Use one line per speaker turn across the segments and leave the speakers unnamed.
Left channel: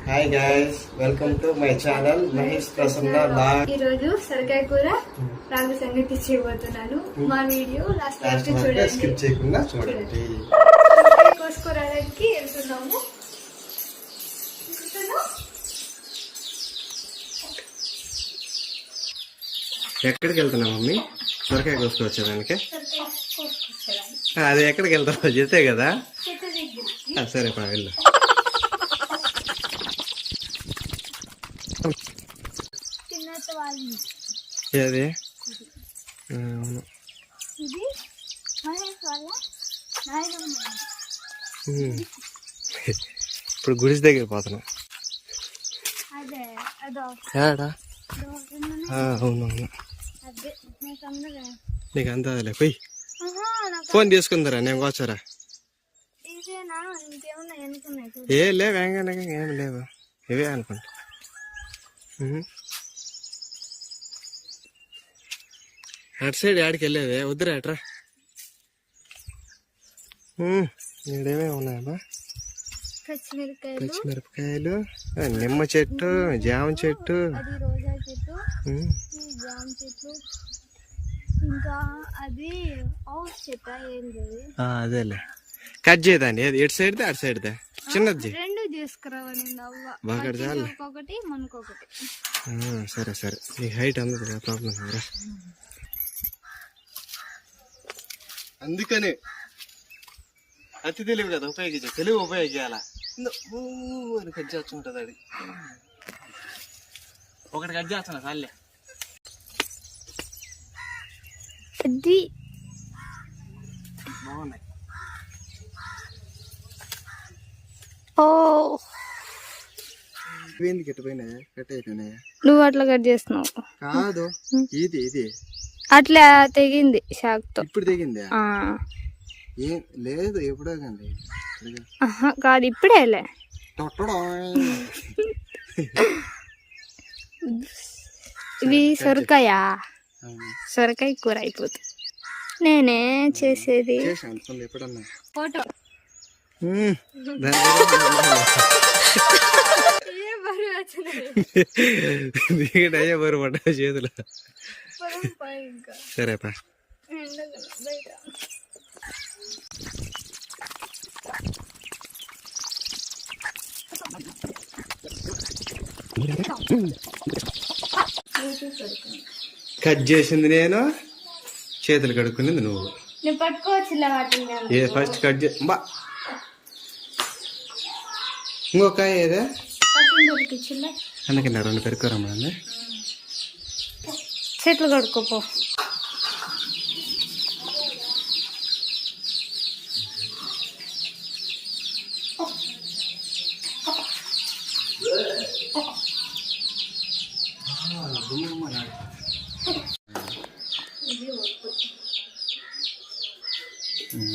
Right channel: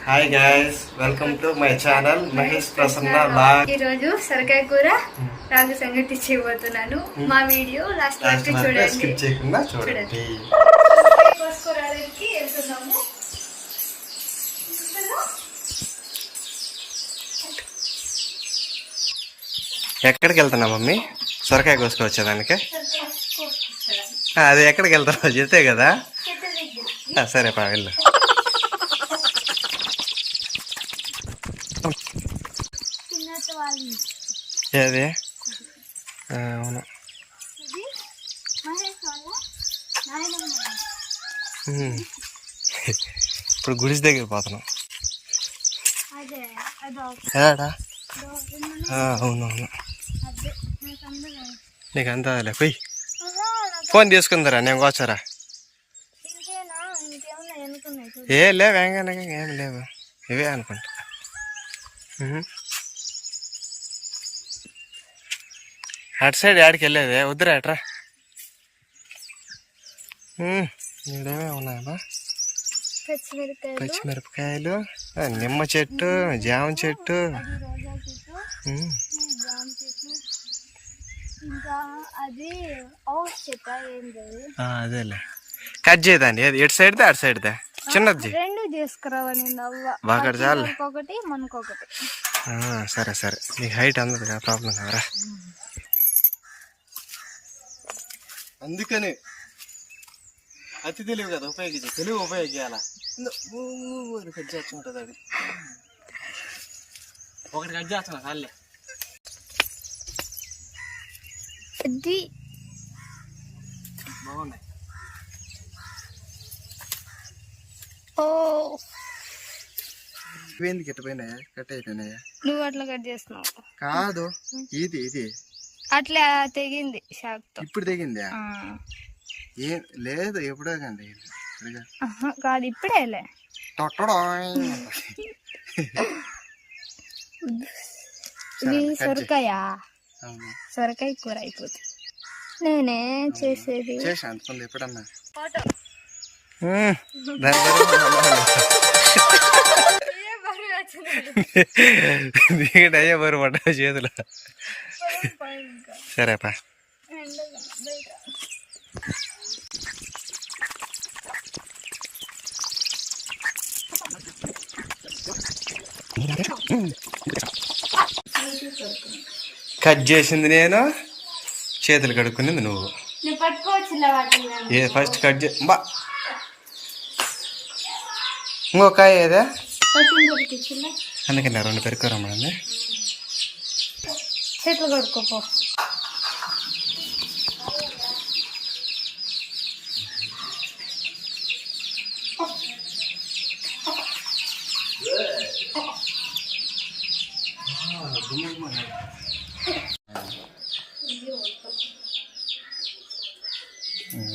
Hi guys welcome to my channel Mahesh Prasanna log
ఈ రోజు సొరకాయ కూర రాగు సంగటి చేయబోతున్నాను మా వీడియో లాస్ట్
లాస్ట్
చూడండి.
స్కిప్ చేయకుండా చూడండి.
కోసుకోవడానికి వెళ్తున్నాము.
ఎక్కడికి వెళ్తున్నా మమ్మీ? సొరకాయ కోసుకొచ్చేదానికి
కోసుకొచ్చడానికి.
ఆ, అది ఎక్కడికి వెళ్తున్నావు? చెప్తే కదా? సరే పా వెళ్ళు
చిన్నట్టు వాళ్ళు
ఏది అవును. ఇప్పుడు గుడిసి దగ్గర పోతున్నాం. ఏడా అవునవును.
అదే నాకు
అంతలే పోయి. ఫోన్ తీసుకుందరా నేను కోచరా ఏ లేవు ఏం లేవు. ఇవే అనుకుంటా. అటు సైడ్ ఆడికి వెళ్ళేది? వద్దురా అట్రా
పచ్చిమిరకాయలు
పచ్చిమిరపకాయలు. నిమ్మ చెట్టు జామ చెట్టు. అదేలే. కట్ ఏది ఎటు సైడ్దే అటు సైడ్దే? చిన్నది బాగా చాలు. సరే సరే. నీకు హైట్ అందదు ప్రాబ్లం కదరా. అందుకని అతి తెలివి కదా ఉపయోగించే తెలివి ఉపయోగించాల కట్ చేస్తుంటుంది అది. ఒకటి కట్ చేస్తున్నా
అది
బాగున్నాయి.
ఓ.
ఇవేంది గిట్టపోయినాయా కట్ అయిపోయినాయా?
నువ్వు అట్లా కట్ చేస్తున్నావు.
కాదు ఇది ఇది.
అట్లా తెగింది షాక్తో
ఇప్పుడు దిగిందా
ఆ.
ఏం లేదు ఎప్పుడో కండి
కాదు ఇప్పుడేలే. ఇది సొరకాయ. సొరకాయ కూర అయిపోతుంది నేనే చేసేది
ఎప్పుడన్నా
ఫోటో
దీనికి అయ్యే బరు పడ్డ చేతులు సరేపా కట్ చేసింది నేను చేతులు కడుక్కునేది నువ్వు. ఏ ఫస్ట్ కట్ చే బా. ఇంకో కాయ ఏదా? అందుకని రెండు పెరుకురమ్మడండి
చెట్లు కడుక్కోపో.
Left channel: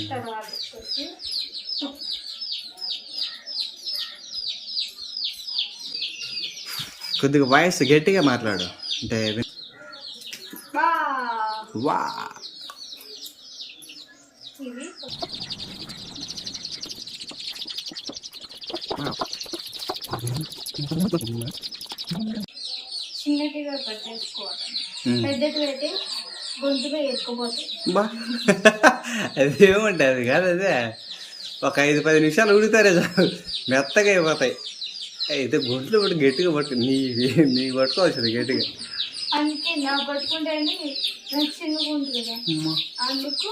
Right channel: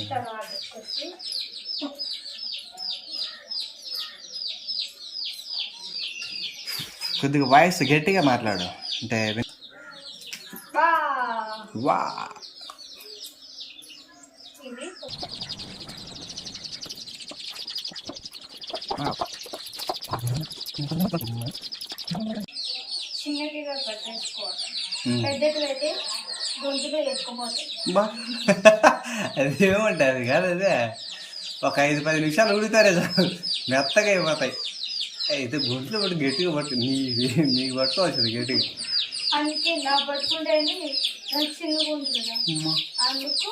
తర్వాత వచ్చేసి
కొద్దిగా వాయిస్ గట్టిగా మాట్లాడు. అంటే వా.
చిన్నటిగా గొంతులో
బా. అది కాదు అదే. ఒక ఐదు పది నిమిషాలు ఉడుతారే చాలు. మెత్తగా అయిపోతాయి. అయితే గుంట్లో పట్టి గట్టిగా పట్టు నీ నీకు పట్టుకోవచ్చు గట్టిగా.
అందుకే నా పట్టుకుంటేనే నాకు చిన్నగా ఉంటుంది. అందుకు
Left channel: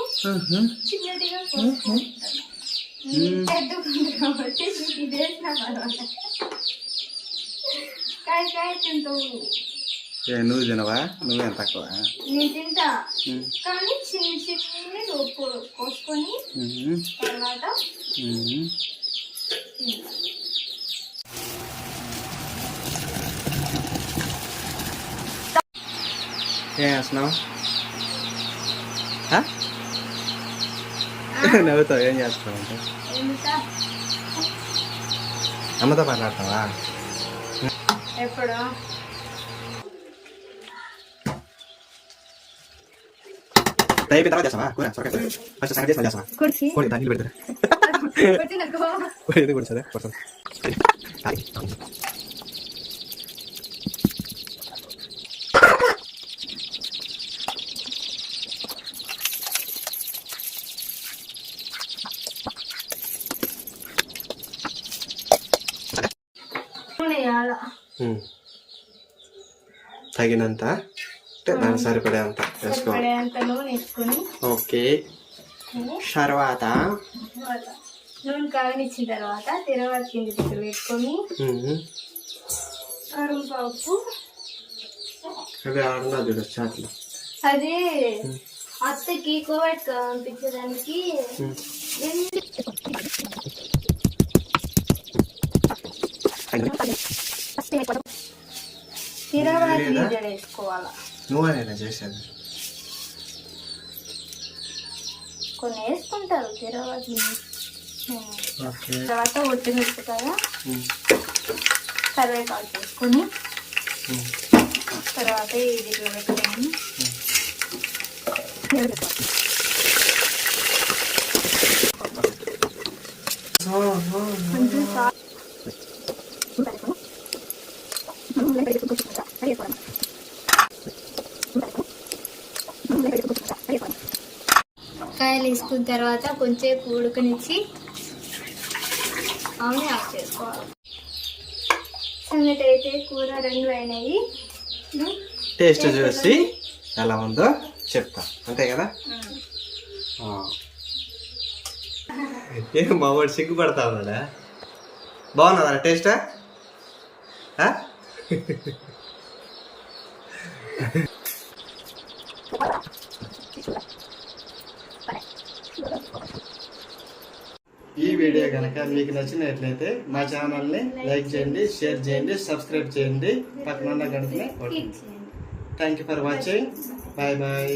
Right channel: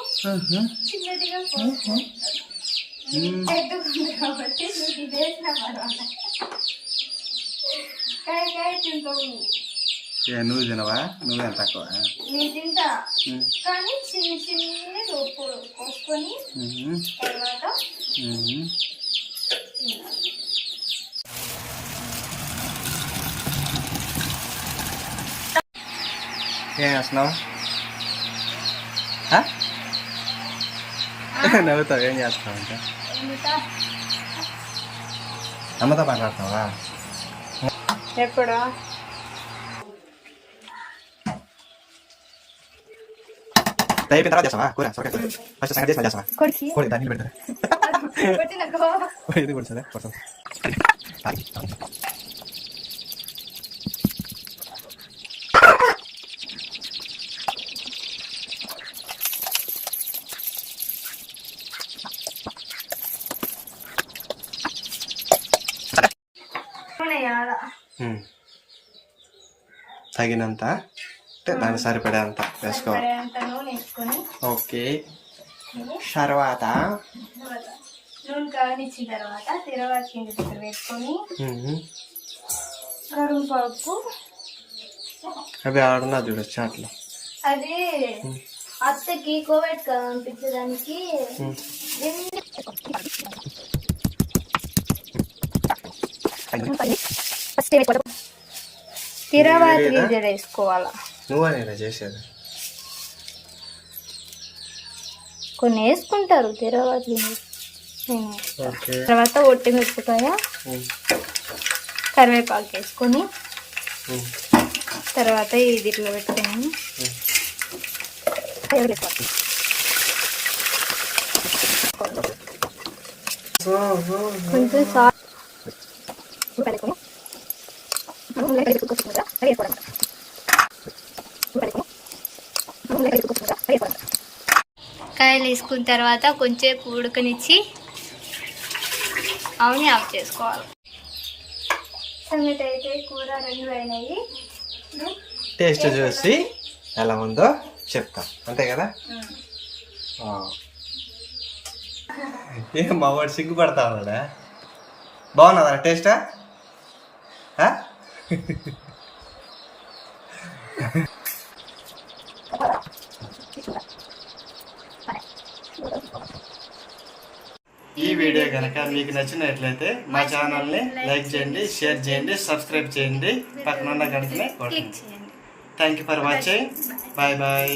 పెద్దగా ఉంది కాబట్టి నీకు ఇది వేసినా పర్వాలేదు కాయ కాయ తింటావు.
ఏ నువ్వు తినవా? నువ్వేం తక్కువ?
నేను తింటా. కానీ చిన్న ఉప్పు కోసుకొని. తర్వాత
ఉమ్.
తింటా.
ఏం చేస్తున్నావా? నవ్వుతావు ఏం చేస్తున్నావు అంటే అమ్మతో మాట్లాడతావా
ఎప్పుడు
అయిపోయిన తర్వాత చేస్తావా కూర సొరకాయ కూర ఫస్ట్ సంగతి చేస్తావా కోడి దాన్ని పెడతారా
కొట్టినకో
ఇది కూడా సరే కొడతాం ఉమ్. తగినంత అంటే దానికి సరిపడేంత
వేసుకొని.
ఓకే. తర్వాత?
తర్వాత నూనె కాగనిచ్చిన తర్వాత తిరగవాతి కింద దగ్గర పెట్టుకొని. కరువేపాకు.
అవి ఆడున్నా చూడు చాట్లో.
అదే అత్తకి కోవిడ్ పంపించడానికి తిరగవాతి గింజలు వేసుకోవాలి?
నువ్వనేనా చేసేది?
కొన్ని వేసుకుంటారు తిరగవాతి గింజలు తర్వాత ఒట్టి మిరపకాయ. కరివేపాకు వేసుకొని. తర్వాత ఇది ఇట్లా పెట్టుకొని. కొంచెం సాల్ట్ కాయలు వేసుకున్న తర్వాత కొంచెం ఉడకనిచ్చి అవని ఆఫ్ చేసుకోవాలి. అయితే కూర రెండు అయినాయి.
టేస్ట్ చూసి ఎలా ఉందో చెప్తాం. అంతే కదా. ఏం బావాడు సిగ్గుపడతా ఉన్నాడా? బాగున్నదా టేస్టా? ఈ వీడియో కనుక మీకు నచ్చినట్లయితే మా ఛానల్ని లైక్ చేయండి షేర్ చేయండి సబ్స్క్రైబ్ చేయండి. పక్కన ఉన్న గంటనే thank you for watching bye bye